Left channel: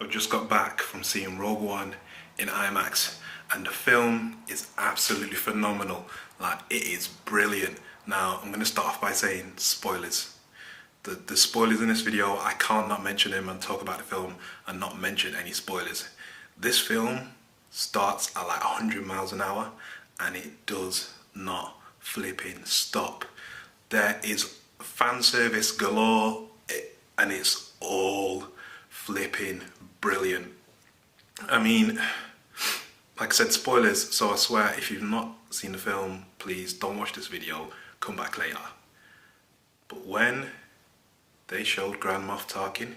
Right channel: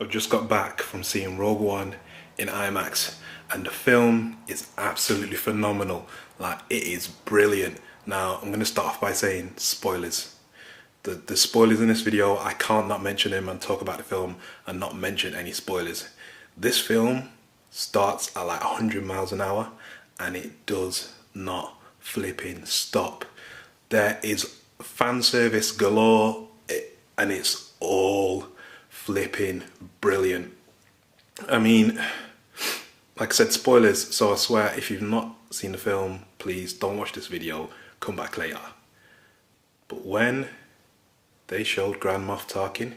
I've just got back from seeing Rogue One in IMAX, and the film is absolutely phenomenal. Like, it is brilliant. Now, I'm going to start off by saying spoilers. The spoilers in this video, I can't not mention them and talk about the film and not mention any spoilers. This film starts at like 100 miles an hour and it does not flipping stop. There is fan service galore, and it's all flipping brilliant. I mean, like I said, spoilers, so I swear if you've not seen the film, please don't watch this video, come back later. But when they showed Grand Moff Tarkin,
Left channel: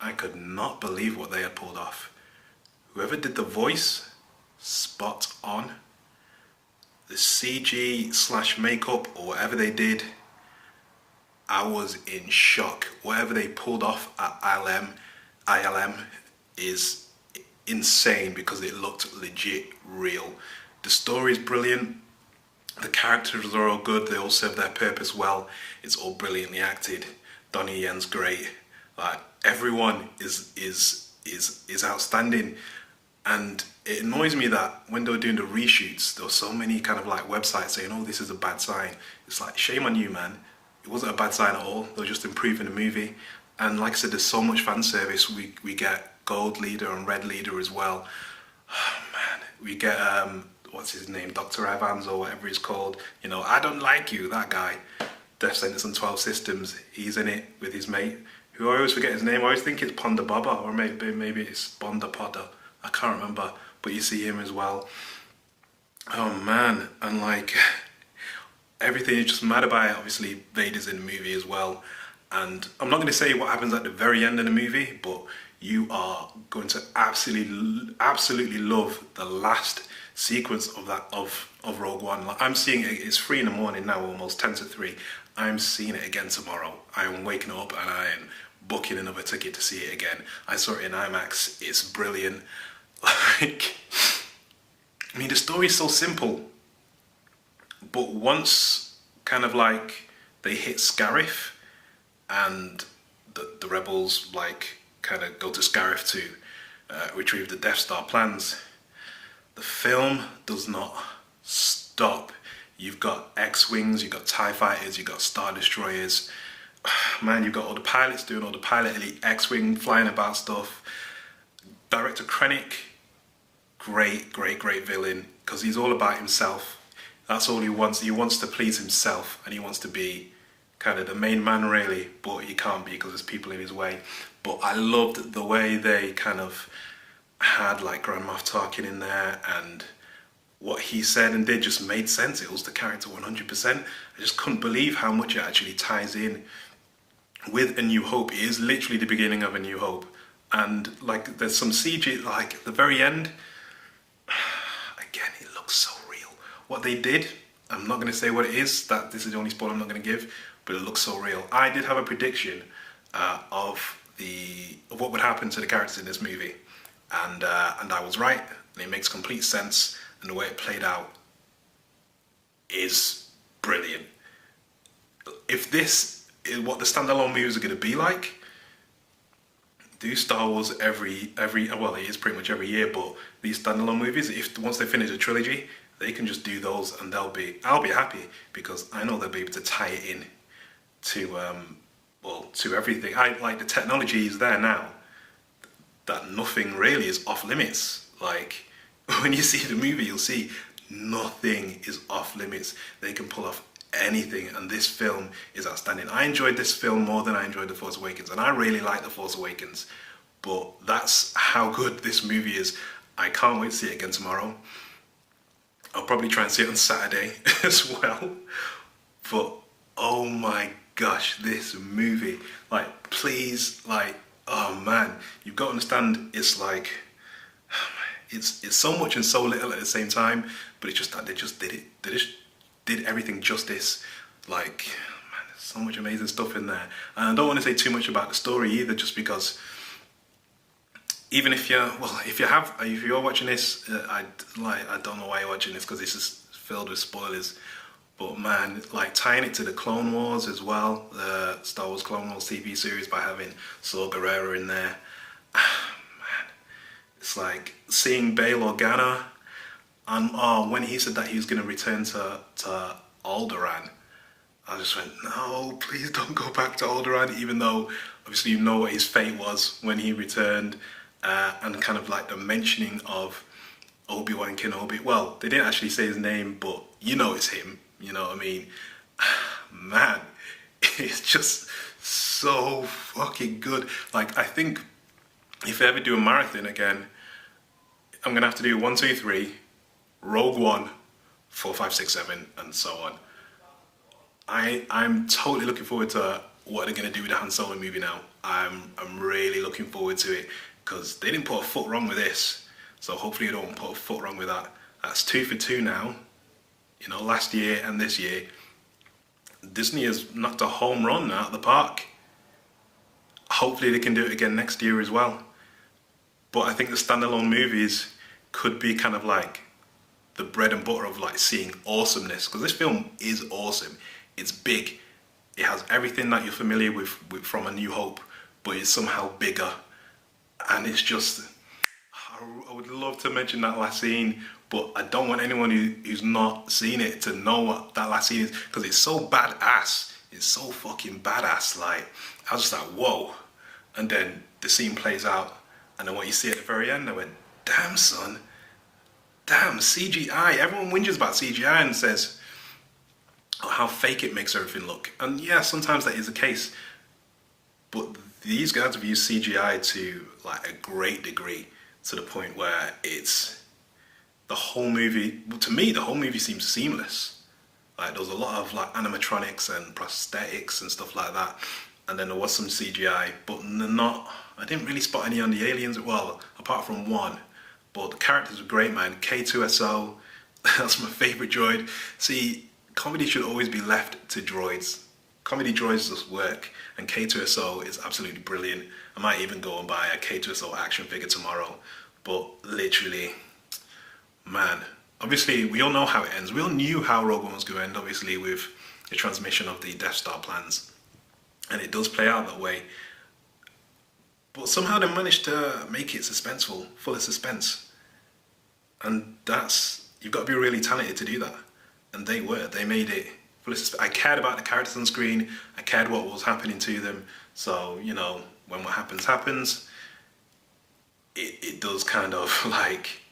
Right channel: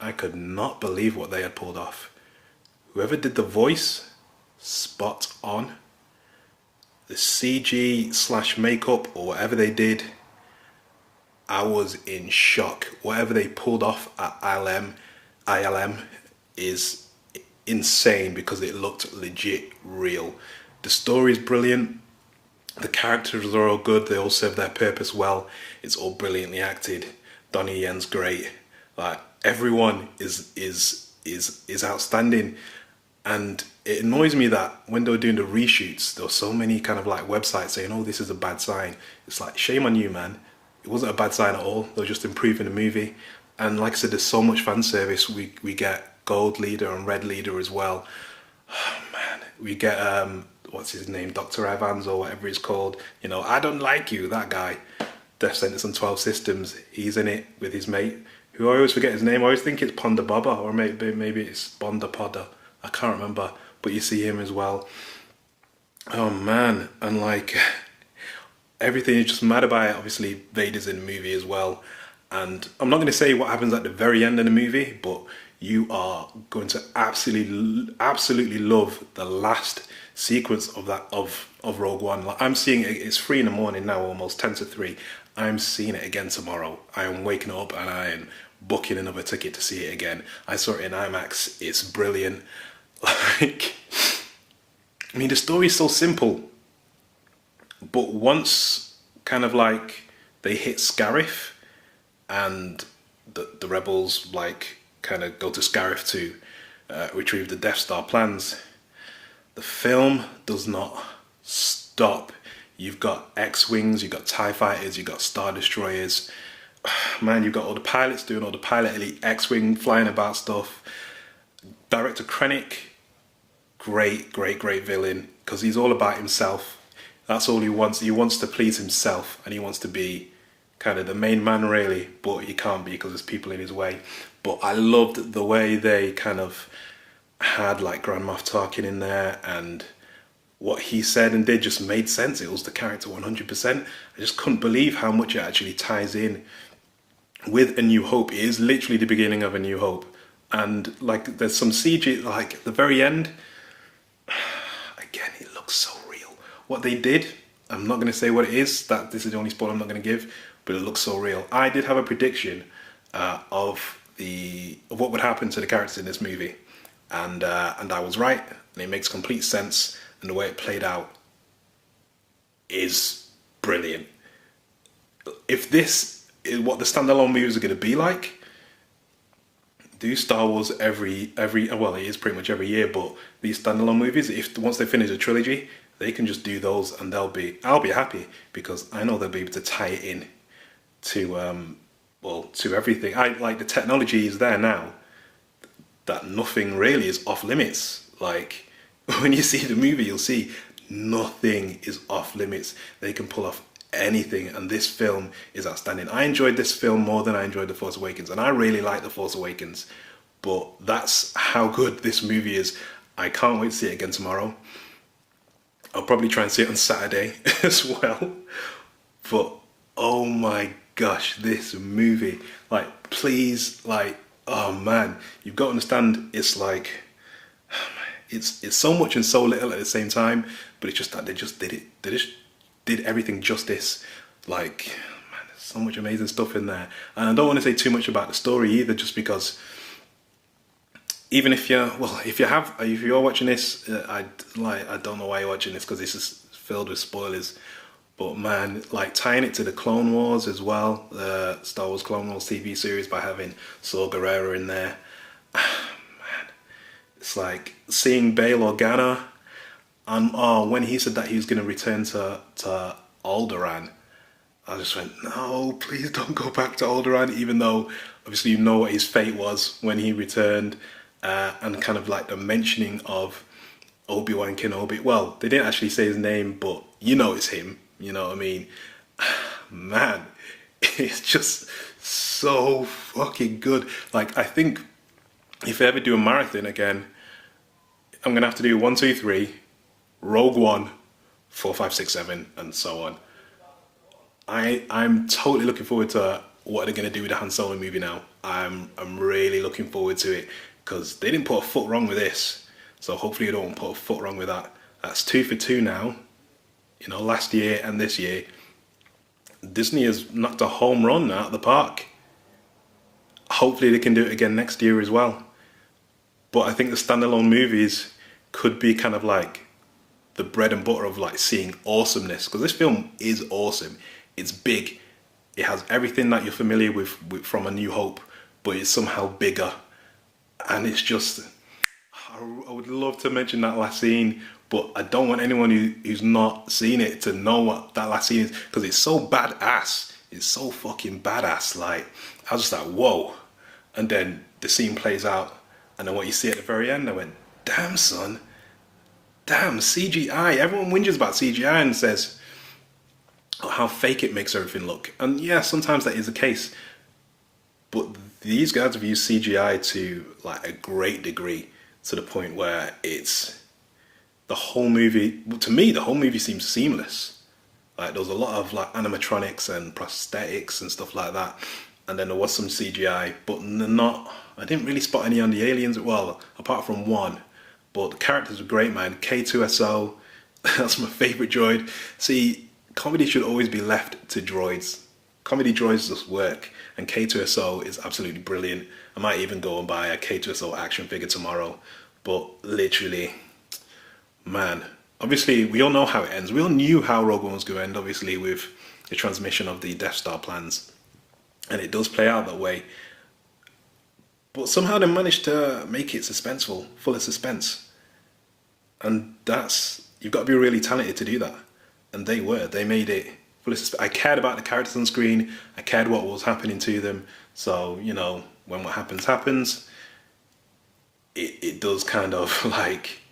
I could not believe what they had pulled off. Whoever did the voice, spot on. The CG slash makeup or whatever they did, I was in shock. Whatever they pulled off at ILM is insane because it looked legit real. The story's brilliant. The characters are all good. They all serve their purpose well. It's all brilliantly acted. Donnie Yen's great. Like, everyone is outstanding. And it annoys me that when they were doing the reshoots, there were so many kind of like websites saying, "Oh, this is a bad sign." It's like, shame on you, man. It wasn't a bad sign at all. They were just improving the movie. And like I said, there's so much fan service. We get Gold Leader and Red Leader as well. Oh, man. We get, what's his name? Dr. Evanzan or whatever he's called. You know, I don't like you, that guy. Death Sentence on 12 Systems. He's in it with his mate, who I always forget his name. I always think it's Ponda Baba, or maybe it's Ponda Podda. I can't remember, but you see him as well. Oh man, and like everything is just mad about it. Obviously, Vader's in the movie as well, and I'm not going to say what happens at the very end of the movie, but you are going to absolutely love the last sequence of Rogue One. Like, I'm seeing it. It's 3 a.m. now, almost 10 to 3. I'm seeing it again tomorrow. I am waking up and I am booking another ticket to see it again. I saw it in IMAX. It's brilliant. Like, I mean, the story is so simple, but once kind of like they hit Scarif and the rebels like kind of go to Scarif to retrieve the Death Star plans, the film does not stop. You've got X-Wings, you've got TIE Fighters, you've got Star Destroyers. Man, you've got all the pilots doing all the pilot elite X-Wing flying about stuff. Director Krennic, great villain, because he's all about himself. That's all he wants. He wants to please himself, and he wants to be kind of the main man, really, but he can't be because there's people in his way. But I loved the way they kind of had like Grand Moff Tarkin in there, and what he said and did just made sense. It was the character 100%. I just couldn't believe how much it actually ties in with A New Hope. It is literally the beginning of A New Hope. And like there's some CG, like at the very end, again, it looks so real. What they did, I'm not going to say what it is, that this is the only spoiler I'm not going to give, but it looks so real. I did have a prediction of what would happen to the characters in this movie, and I was right, and it makes complete sense, and the way it played out is brilliant. If this is what the standalone movies are going to be like, do Star Wars every well, it is pretty much every year, but these standalone movies, if once they finish the trilogy, they can just do those and I'll be happy, because I know they'll be able to tie it in to to everything. I like the technology is there now that nothing really is off limits. Like when you see the movie, you'll see nothing is off limits. They can pull off anything, and this film is outstanding. I enjoyed this film more than I enjoyed The Force Awakens, and I really like The Force Awakens, but that's how good this movie is. I can't wait to see it again tomorrow. I'll probably try and see it on Saturday as well, but oh my gosh, this movie, like, please, like, oh man, you've got to understand, it's like, it's so much and so little at the same time, but it's just that they just did it. They just did everything justice. Like, man, there's so much amazing stuff in there. And I don't want to say too much about the story either, just because even if you're watching this, I don't know why you're watching this, because this is filled with spoilers. But man, like tying it to the Clone Wars as well, the Star Wars Clone Wars TV series by having Saw Gerrera in there. It's like seeing Bail Organa, and when he said that he was going to return to Alderaan, I just went, no, please don't go back to Alderaan, even though obviously you know what his fate was when he returned, and kind of like the mentioning of Obi-Wan Kenobi. Well, they didn't actually say his name, but you know it's him, you know what I mean? Man, it's just so fucking good. Like, I think if I ever do a marathon again, I'm going to have to do 1, 2, 3, Rogue One, 4, 5, 6, 7, and so on. I'm totally looking forward to what they're going to do with the Han Solo movie now. I'm really looking forward to it, because they didn't put a foot wrong with this. So hopefully they don't put a foot wrong with that. That's 2 for 2 now. You know, last year and this year, Disney has knocked a home run out of the park. Hopefully they can do it again next year as well. But I think the standalone movies could be kind of like the bread and butter of like seeing awesomeness. Because this film is awesome. It's big. It has everything that you're familiar with from A New Hope, but it's somehow bigger. And it's just, I would love to mention that last scene, but I don't want anyone who's not seen it to know what that last scene is, because it's so badass. It's so fucking badass. Like, I was just like, whoa. And then the scene plays out, and then what you see at the very end, I went, damn, son. Damn, CGI. Everyone whinges about CGI and says how fake it makes everything look. And yeah, sometimes that is the case. But these guys have used CGI to like a great degree, to the point where it's the whole movie. To me, the whole movie seems seamless. Like, there was a lot of like animatronics and prosthetics and stuff like that, and then there was some CGI, but I didn't really spot any on the aliens. Well, apart from one, but the characters were great, man. K2SO, that's my favourite droid. See, comedy should always be left to droids. Comedy droids just work, and K2SO is absolutely brilliant. I might even go and buy a K2SO action figure tomorrow. But literally, man, obviously we all know how it ends. We all knew how Rogue One was going to end, obviously, with the transmission of the Death Star plans. And it does play out that way. But somehow they managed to make it suspenseful, full of suspense. And you've got to be really talented to do that. And they made it full of suspense. I cared about the characters on screen. I cared what was happening to them. So, you know, when what happens, it does kind of like,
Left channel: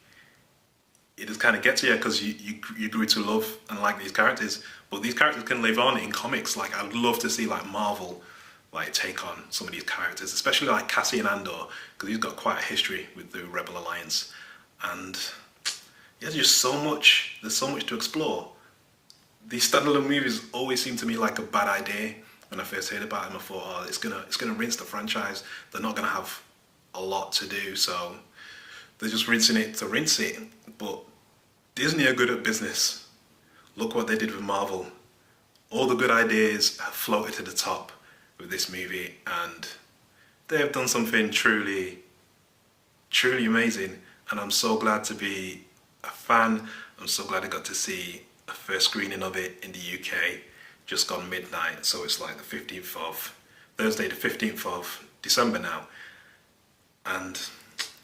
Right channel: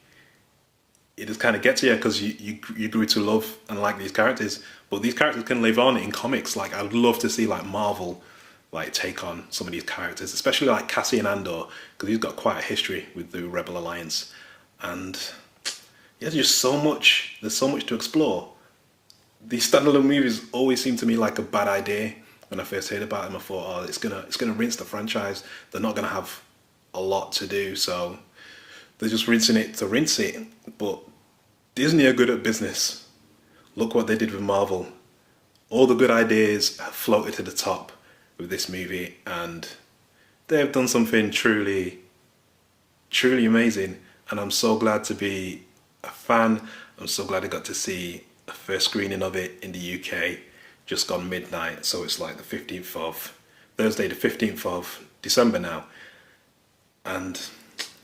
it just kind of gets you, because you grew to love and like these characters. But these characters can live on in comics. Like, I'd love to see like Marvel like take on some of these characters, especially like Cassian Andor, because he's got quite a history with the Rebel Alliance. And yeah, there's so much to explore. These standalone movies always seem to me like a bad idea. When I first heard about them, I thought, it's gonna rinse the franchise. They're not gonna have a lot to do, so they're just rinsing it to rinse it. But Disney are good at business. Look what they did with Marvel. All the good ideas have floated to the top with this movie, and they have done something truly, truly amazing. And I'm so glad to be a fan. I'm so glad I got to see a first screening of it in the UK, just gone midnight. So it's like Thursday the 15th of December now. And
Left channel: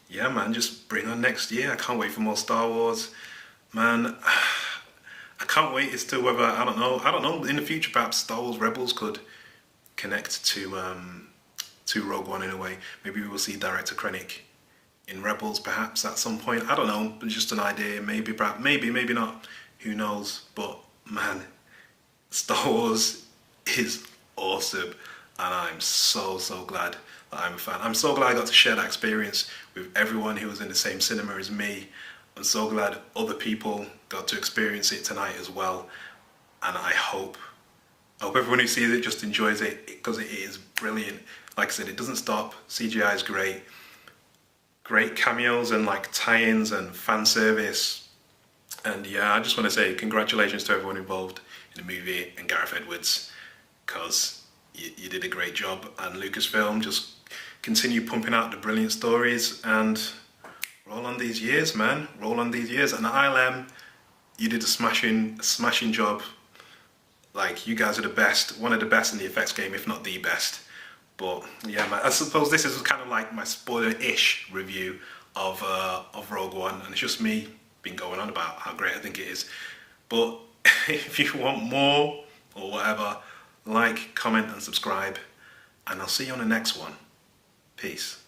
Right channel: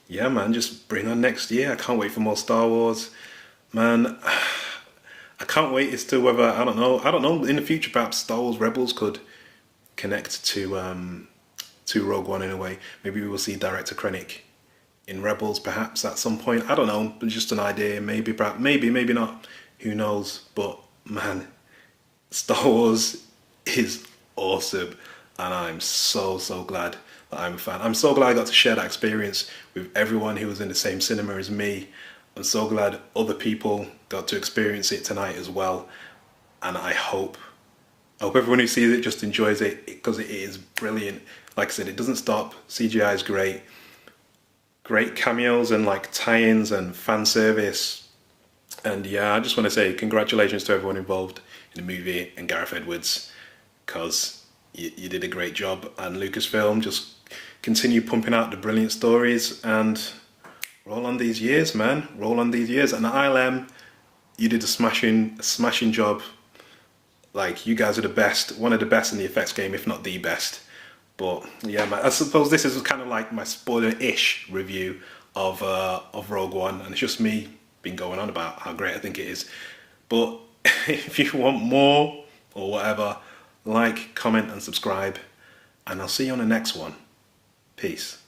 yeah, man, just bring on next year. I can't wait for more Star Wars. Man, I can't wait as to whether, I don't know, in the future perhaps Star Wars Rebels could connect to Rogue One in a way. Maybe we will see Director Krennic in Rebels perhaps at some point. I don't know, just an idea. Maybe, perhaps, maybe not. Who knows? But man, Star Wars is awesome, and I'm so glad that I'm a fan. I'm so glad I got to share that experience with everyone who was in the same cinema as me. I'm so glad other people got to experience it tonight as well, and I hope everyone who sees it just enjoys it, because it is brilliant. Like I said, it doesn't stop. CGI is great cameos and like tie-ins and fan service. And yeah, I just want to say congratulations to everyone involved in the movie and Gareth Edwards, because you did a great job. And Lucasfilm, just continue pumping out the brilliant stories and roll on these years, man. Roll on these years. And ILM, you did a smashing job. Like, you guys are the best, one of the best in the effects game, if not the best. But yeah, man, I suppose this is kind of like my spoiler-ish review of Rogue One, and it's just me been going on about how great I think it is. But if you want more or whatever, like, comment and subscribe, and I'll see you on the next one. Peace.